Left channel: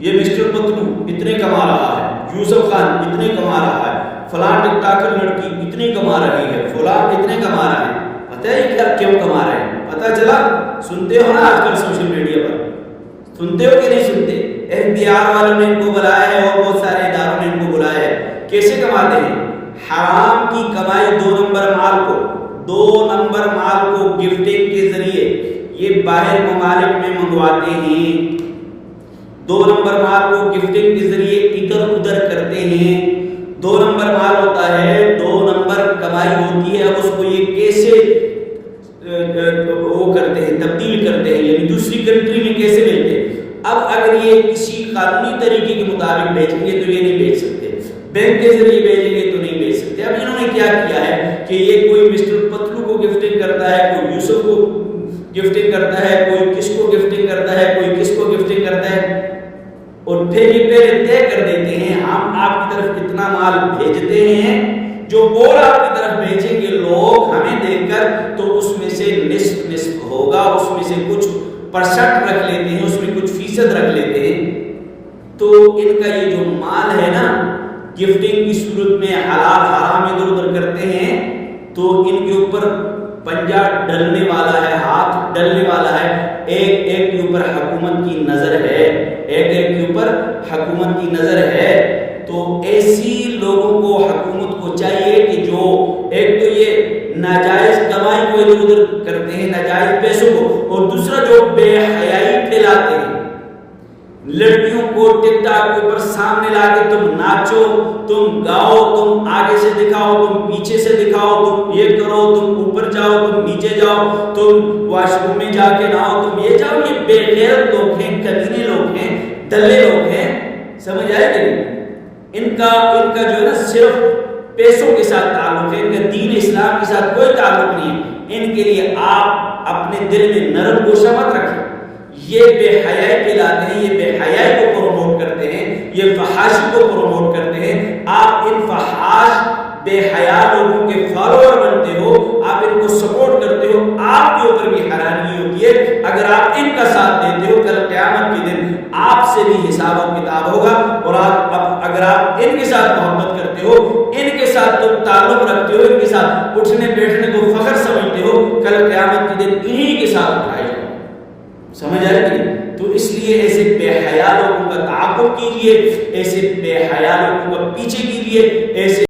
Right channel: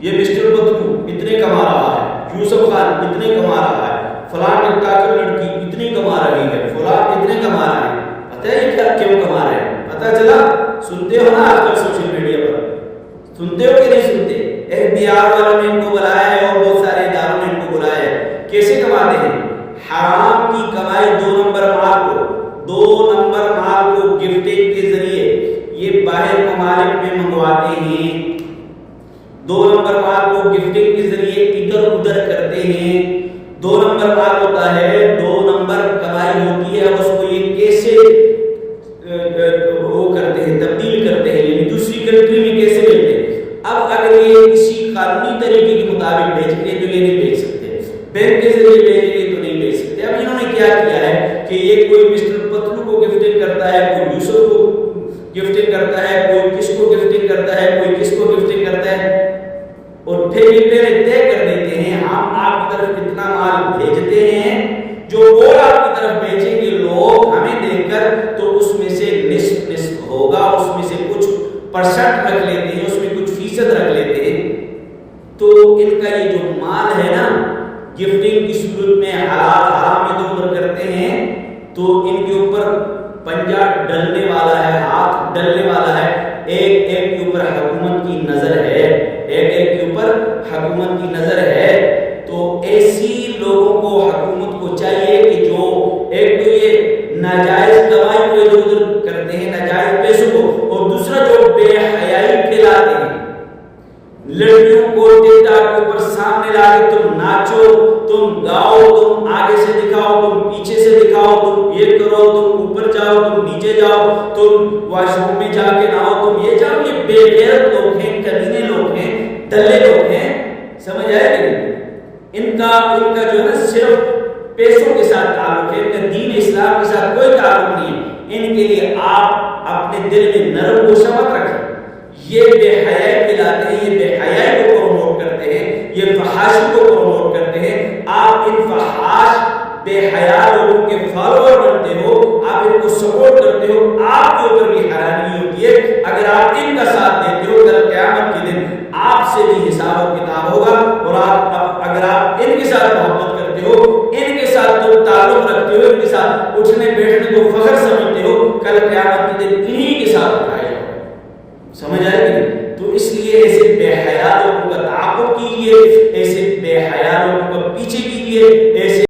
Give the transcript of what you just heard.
یہ مسٹر پتلو اتنے کما رہا ہے، یوسف خان اتنے کما رہا ہے، فلاں ٹک ٹاکر لڑکی اتنی کما رہی ہے، فلاں اتنے کما رہا ہے. پتہ ہے کیا کیوں کما رہے ہیں؟ پتہ چلا؟ سنتے ہو نا آج کل سوشل میڈیا پر، سنتے ہو کہ نہیں سنتے؟ FBI والوں نے ان کو بلایا ہے اور بہت سارے اداروں نے ان کو بلایا ہے. کیسے کماتے ہیں؟ حرام کی کمائی 2 نمبر مال کو گفٹنگ کے ذریعے یہ باہر ممالک میں منگواتے ہیں. 2 نمبر مال کو گفٹنگ کے ذریعے ادھر ادھر کرتے ہیں. 2 نمبر مال ہوتا ہے، 2 نمبر کمائی ہوتی ہے. اب اس کو یہ کیسے وہ کرتے ہیں، تبدیل کرتے ہیں، یعنی دوسری کنٹری میں کیسے بھیجتے ہیں. اب اگر یہ کسی قانونی طریقے کے مطابق بھیجیں گے تو یہ نہیں بھیج سکتے، بینک کے ذریعے بھیجیں گے تو نہیں بھیج سکتے. اب انہوں نے کیا کیا ہے کہ یہ کوئی مسٹر پتلو کو گفٹنگ کرتا ہے، کوئی یوسف کو گفٹنگ کرتا ہے، کوئی کس کو گفٹنگ کرتا ہے، کوئی کس کو گفٹنگ کرتا ہے، اور پھر یہ پہلے طے کر دیتے ہیں ہم آپ کی طرف اتنا مال بھیجتے ہیں، جو اور آپ کی طرف بھیجیں گے لوگ ہمیں دیکھ کر تو اس میں سے نصف ہوگا، اس میں سے کچھ % رکھ لیتے ہیں، اس میں کچھ فیصد رکھ لیتے ہیں. تو ان کا یہ جو مال ہے نا گفٹنگ کی صورت میں حلال حرام ادھر ادھر کرتے ہیں، تو ان کے اوپر پنجہ ڈلنے والا ہے، ہاتھ ڈلنے والا ہے. ایک ایک کے اوپر حکومت کی نظر ہے، ایک ایک کے اوپر حکومت کی نظر ہے. تو ایسی لوگوں کو حکومت کو چاہیے کہ جو ایک تو یہ ناجائز کمائی کو ادھر ادھر کرتے ہیں، ناجائز پیسوں کو، اور دوسرا جو بے حیائی پھیلاتے ہیں، لڑکیوں کو ٹک ٹاک کے اوپر سامنے لا کے تم ناچو، تم گاؤ، تم آگے سے دکھاؤ، تم پیچھے سے دکھاؤ، تم یہ کرو، تم اوپر جاؤ، تم نیچے جاؤ، تم واش روم میں جا کے نہاؤ، تم یہ جاؤ. یہ بے غیرت لوگ ہیں، کمینے لوگ ہیں، دلے لوگ ہیں. سمجھ آئے کہ نہیں؟ ان کا جو ہے نا صرف پیسوں کے ساتھ تعلق ہے، ان کا دین اسلام کے ساتھ کوئی تعلق نہیں ہے. ان کے لیے آپ اپنے دل میں نرم گوشہ مت رکھیں. یہ بے حیائی پھیلاتے ہیں، یہ بے حیائی کو پروموٹ کرتے ہیں، یہ فحاشی کو پروموٹ کرتے ہیں. آپ ان فحاش بے حیا لوگوں کے فالوور بنتے ہو، آپ ان کو سپورٹ کرتے ہو. آپ کے اوپر بھی حیرانی ہوتی ہے اگر آپ ان کا ساتھ دیتے ہو. کل قیامت کے دن آپ سے بھی حساب و کتاب ہوگا. اور اگر آپ ان کے ساتھ محبت کرتے ہو، ان کے ساتھ تم تعلق رکھتے ہو، ان کے ساتھ اٹھنے بیٹھنے کو فخر سمجھتے ہو، کل قیامت کے دن انہی کے ساتھ اٹھائے جاؤ. سمجھ آئے کہ نہیں؟ تو اس لیے ایسے بے حیا لوگوں کا تعاقب کیجیے، ایسے بے حیا لوگوں کا پیچھے کیجیے، ایسے